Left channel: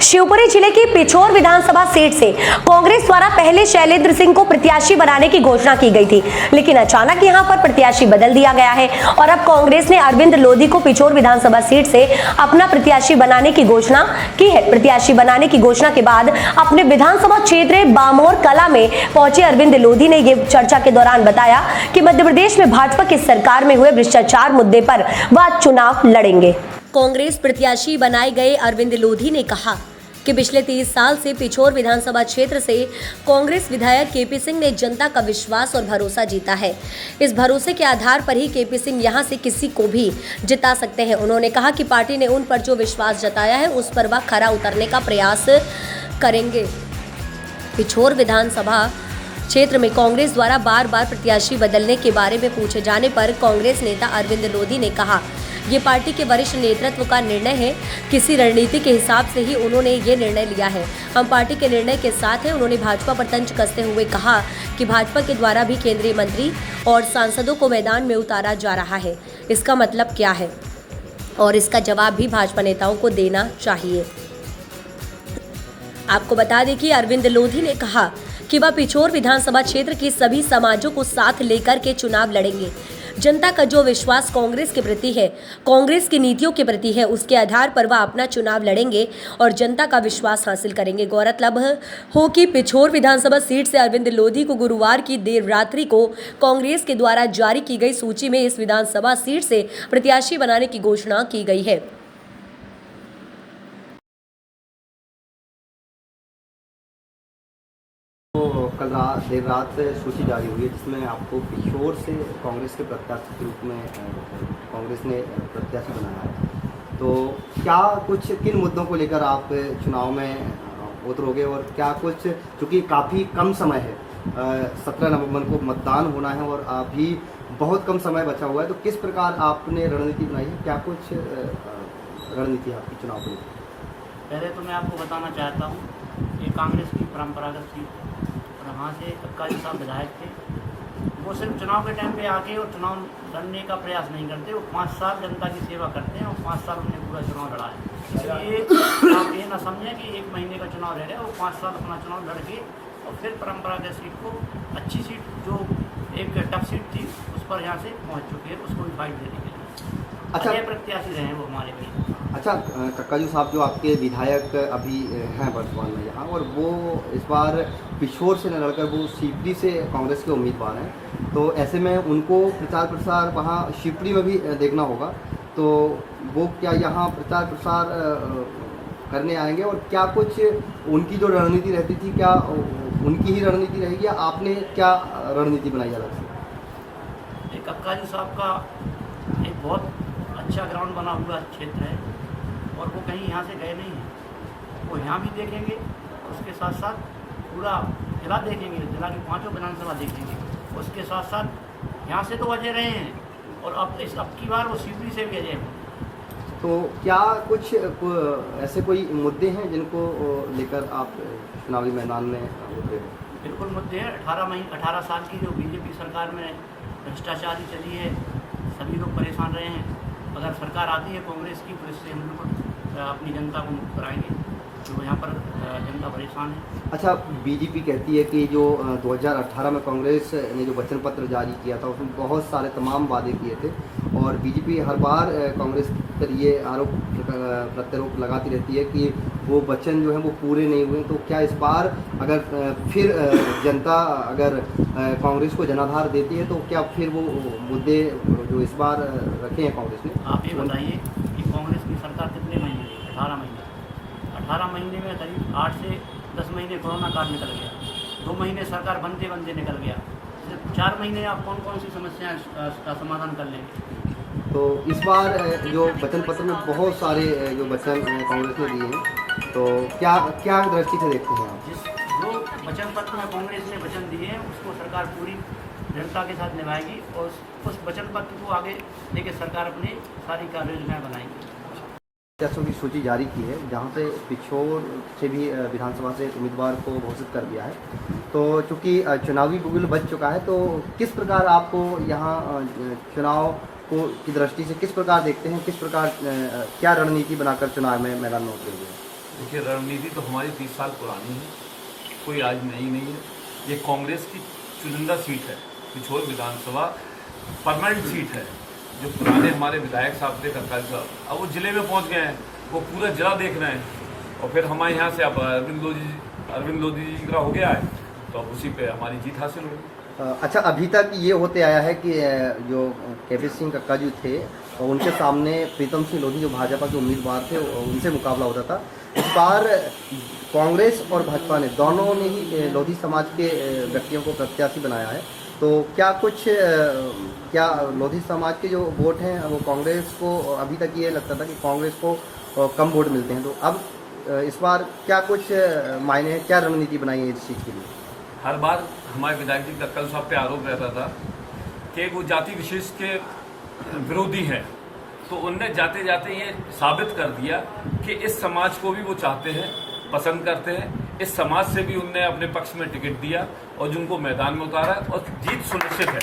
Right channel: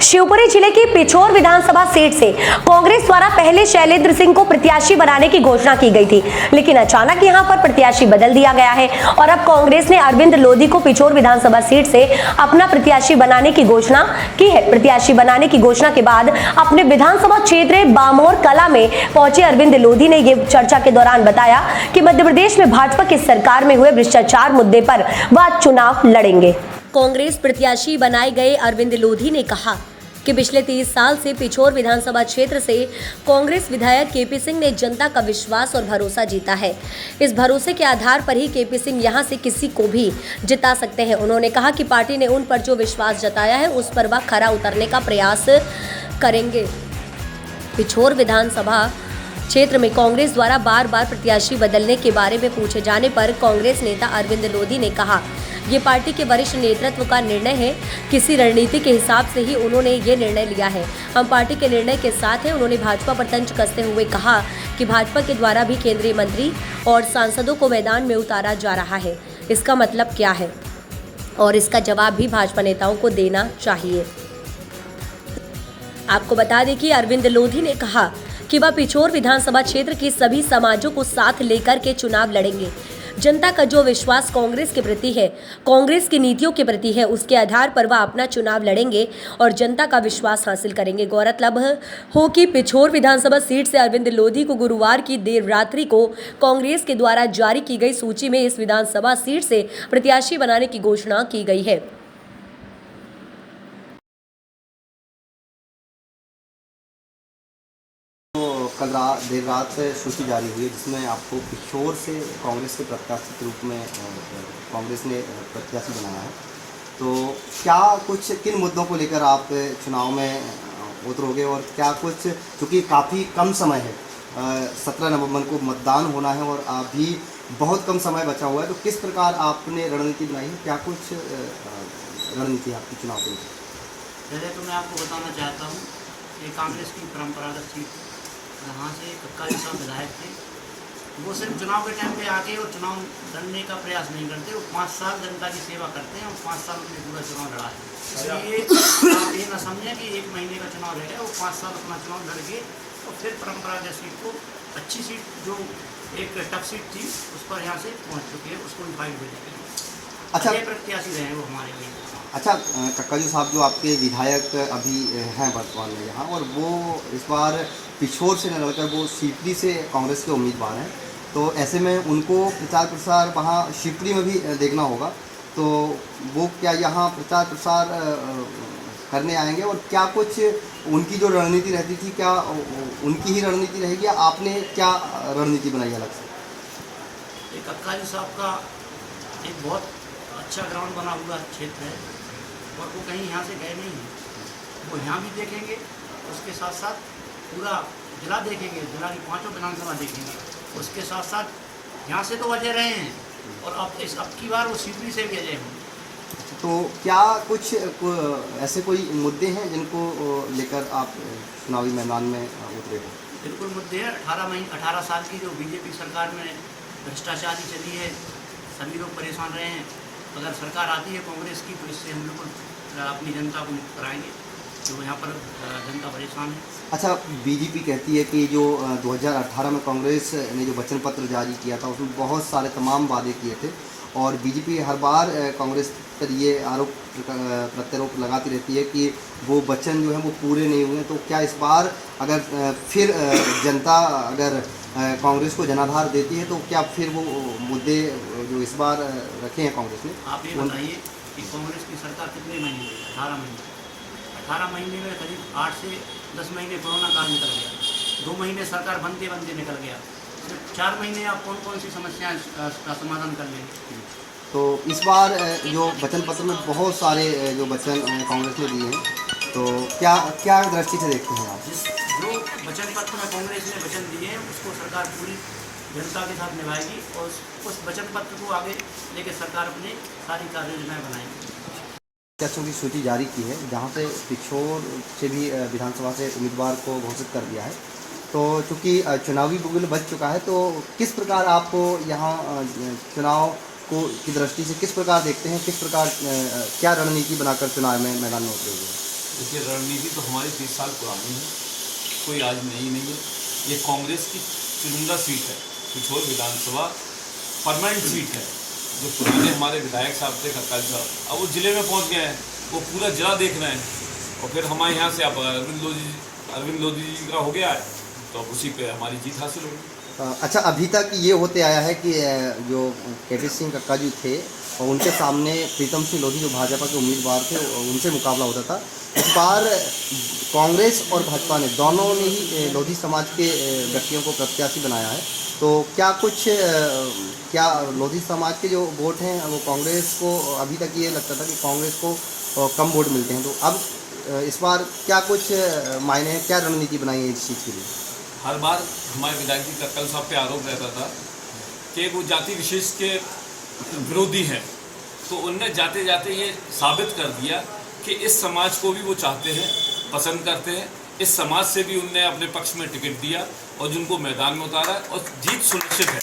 शिवपुरी जिले की पिछोर विधानसभा सीट से कांग्रेस द्वारा पहले शैलेंद्र सिंह को प्रत्याशी बनाने की घोषणा की गई थी, लेकिन अचानक यहां पर प्रत्याशी बदल दिया गया है और अब कांग्रेस ने अरविंद लोधी को पिछोर विधानसभा सीट से अपना प्रत्याशी बनाने की घोषणा की है। प्रत्याशी बनाने की घोषणा के बाद अपने विधानसभा क्षेत्र बामोर कला में पहुंचे अरविंद लोधी ने यह चर्चा के दौरान बताया कि मध्य प्रदेश में भाजपा की सरकार में हुए भ्रष्टाचार मुद्दे पर वह चुनाव लड़ेंगे। कांग्रेस प्रत्याशी बनाए गए अरविंद लोधी ने कहा कि पिछले 30 साल से पिछोर विधानसभा क्षेत्र से कांग्रेस विधायक केपी सिंह ने जनता का विश्वास और भरोसा जीता है। इस भरोसे के आधार पर ही केपी सिंह यहां से किसी को भी जिता सकते हैं। उन्होंने कहा कि पार्टी ने उन पर जो विश्वास जताया है उस पर वह खरा उतरने का प्रयास करेंगे। पिछोर विधानसभा क्षेत्र में कांग्रेस द्वारा बार बार प्रत्याशी बदलने के बारे में पूछे जाने पर कांग्रेस नेता अरविंद लोधी ने कहा, ये पार्टी के वरिष्ठ नेतृत्व का निर्णय है। किसी रणनीति के हिसाब से ही उन्होंने ये निर्णय लिया है। हम पार्टी के निर्णय के साथ हैं। उन्होंने भाजपा पर तंज कसते हुए कहा कि भाजपा के द्वारा भी केंद्रीय मंत्री और सांसदों को मैदान में उतारा जा रहा है। इसका मतलब क्या है और इसका जवाब भी भाजपा नेताओं को देना चाहिए। आपको बता दें कि अरविंद लोधी ने कहा कि वह पिछोर विधानसभा क्षेत्र के सभी समाजों को साथ लेकर के चुनाव लड़ेंगे। जनता का जो विश्वास कांग्रेस के प्रति है, कांग्रेस की नीतियों के प्रति है, उसके आधार पर वह अपना चुनाव लड़ेंगे और जनता का विश्वास हासिल करेंगे। गौरतलब हो कि पिछोर विधानसभा सीट से अरविंद लोधी को गुरुवार की देर रात्रि को कांग्रेस के द्वारा जारी की गई सूची में इस विधानसभा सीट से प्रत्याशी बनाने की घोषणा की गई है। कल देर रात से सूची जारी हुई है जिसमें आपको पिछोर से कांग्रेस के प्रत्याशी के रूप में कांग्रेस ने प्रत्याशी बनाया है। तो क्या कुछ किन मुद्दों को लेकर आप चुनाव में उतरोगे और क्या कुछ, क्योंकि काफ़ी कम समय है, 17 नवंबर को मतदान होना है और अभी बहुत कम समय बचा हुआ है, तो किस प्रकार आपने रणनीति बनाई है? क्या कुछ रणनीति है आपकी चुनाव के लिए? पहले तो मैं आपको बताना चाहता हूँ कि कांग्रेस की परंपरागत सीट, यहाँ से कक्का जी साहब विधायक थे, वो सिर्फ चुनाव के टाइम पे आके और चुनाव लड़ने का प्रयास नहीं करते। वो 5 साल जनता की सेवा करते हैं और 5 साल उन्होंने पूरा चुनाव लड़ा है। इसलिए आप ये ना समझें कि 1 महीने का चुनाव रह गया। वो 5 साल अपना चुनाव लड़ के और फिर परंपरागत सीट को, अच्छी सीट जो एक टफ सीट थी, उस पर यहाँ से पहुँच चुके हैं, उसको फाइट देने के लिए। अच्छा, प्रत्याशी रहे हैं वो हमारे लिए। अच्छा, कक्का जी साहब जो आपके विधायक अभी हैं वर्तमान में यहाँ, और वो इस बार पिछोर से न लड़कर वो शिवपुरी से कांग्रेस के उम्मीदवार हैं, तो ऐसे में उनको प्रचार प्रसार वहाँ शिवपुरी में भी देखना होगा। तो वो क्या यहाँ प्रचार प्रसार करने आएंगे और क्या कुछ उनकी जो रणनीति रहती थी, क्या उनकी ही रणनीति रहेगी या आपने क्या रणनीति बनाई अलग से? कक्का जी साहब का एक बहुत अच्छा ग्राउंड बना हुआ क्षेत्र है और वो कहीं यहाँ से गए नहीं हैं। वो यहाँ भी देखेंगे, उसके साथ साथ पूरा जिला देखेंगे, जिला की 5 विधानसभा देखेंगे। उसके साथ साथ यहाँ से तो अजय रहे हैं और अब की बार वो शिवपुरी से भी अजय हों। तो क्या कुछ ऐसे कोई मुद्दे हैं जिनको लेकर आप चुनावी मैदान में उतरे हैं? बिल्कुल मुद्दे हैं। 18 साल की जो बीजेपी सरकार में भ्रष्टाचारी चली है, सभी लोग परेशान रहे हैं। अगर सरकार आती है कांग्रेस की तो इससे हम बिल्कुल अपनी जनता को मुक्त कराएंगे, जो यहाँ पर जनता परेशान है। अच्छा, बीजेपी कहती है कि जो 2018 में कांग्रेस ने जो वचन पत्र जारी किया था उसमें बहुत सारे तमाम वादे किए थे और बीजेपी हर बार कांग्रेस पर ये आरोप प्रत्यारोप लगाती रहती है कि वो वचन जो है वो पूरे नहीं हुए। तो क्या इस बार अगर फिर जनता अगर कांग्रेस को जनाधार देती है तो क्या फिर वो मुद्दे जो इस बार रखे हैं कांग्रेस ने? आप ये बताइए कि कांग्रेस की सरकार कितने महीने? 18 महीने। 18 महीने में करीब 8 से 10 महीने कोरोना काल निकल गया, 2 महीने सरकार बनते बनते निकल गया। सिर्फ 4 महीने आप कौन कौन सी समस्याएं का समाधान कर लेंगे? तो इस बार जो वचन पत्र में बहुत सारे जो वचन कांग्रेस ने दिए हैं, तो क्या क्या दृष्टि से देखते हैं आप? जो वचन पत्र में कांग्रेस ने वचन दिए हैं उसको सरकार पूरी जनता के साथ निभाएगी और उस वचन पत्र को आगे लेकर सरकार अपनी सारी कार्य योजनाएँ बनाएगी। प्रत्याशियों की सूची जारी की है जहां पे पिछोर से भी विधानसभा से उम्मीदवार को घोषित कर दिया है। तो चूँकि चुनावी बिगुल बच चुका है, तो किस प्रकार आपको यहाँ चुनाव को की दृष्टि से किस प्रकार देखते हैं, किस प्रकार क्या रणनीति बनाकर चुनाव में मैदान में उतरेंगे? देखिए, रणनीति तो हमारी 30 साल पुरानी है, कोई आज नई नहीं है। ये कांग्रेस की चुनिंदा सीट है, पिछोर विधानसभा परमानेंट सीट है। जो पुराने हमारे विधायक साहब थे, कक्काल साहब, अब वो जिले में पहुंच गए हैं, वो पूरा जिला देख रहे हैं। और फिर हमारे यहाँ से अब अरविंद लोधी जी का हो गया है, तो अब उसी पे हमारी जीत हासिल होगी। अच्छा, अभी तक ये होते आया है कि जो केपी सिंह कक्का जी थे और उनके सामने प्रीतम सिंह लोधी जो भाजपा के उम्मीदवार थे उनसे मुकाबला होता था। इस बार कांग्रेस और भाजपा ने दोनों ने ही लोधी समाज के व्यक्तियों को प्रत्याशी बनाया है। तो क्या क्या लोधी समाज के जो वोट हैं वो कांग्रेस को, अभी तक ये लगता था कि कांग्रेस को कम वोट मिलते हैं, तो अब इस बार क्या कुछ मायने हैं, क्या रणनीति बनाई है इस चीज़ के लिए? हर बार हमारे विधायक जी कक्कल साहब पे आरोप रहता था कि वो जाति विशेष के विरोधी हैं, तो उनने जाते जाते ये साबित कर दिया कि इस समाज को भी वो चाहते हैं, पसंद करते हैं। इस समाज से भी उनने अपने पक्ष में टिकट दिया और जिनको मैदान में उतारा और जीत सुनिश्चित है।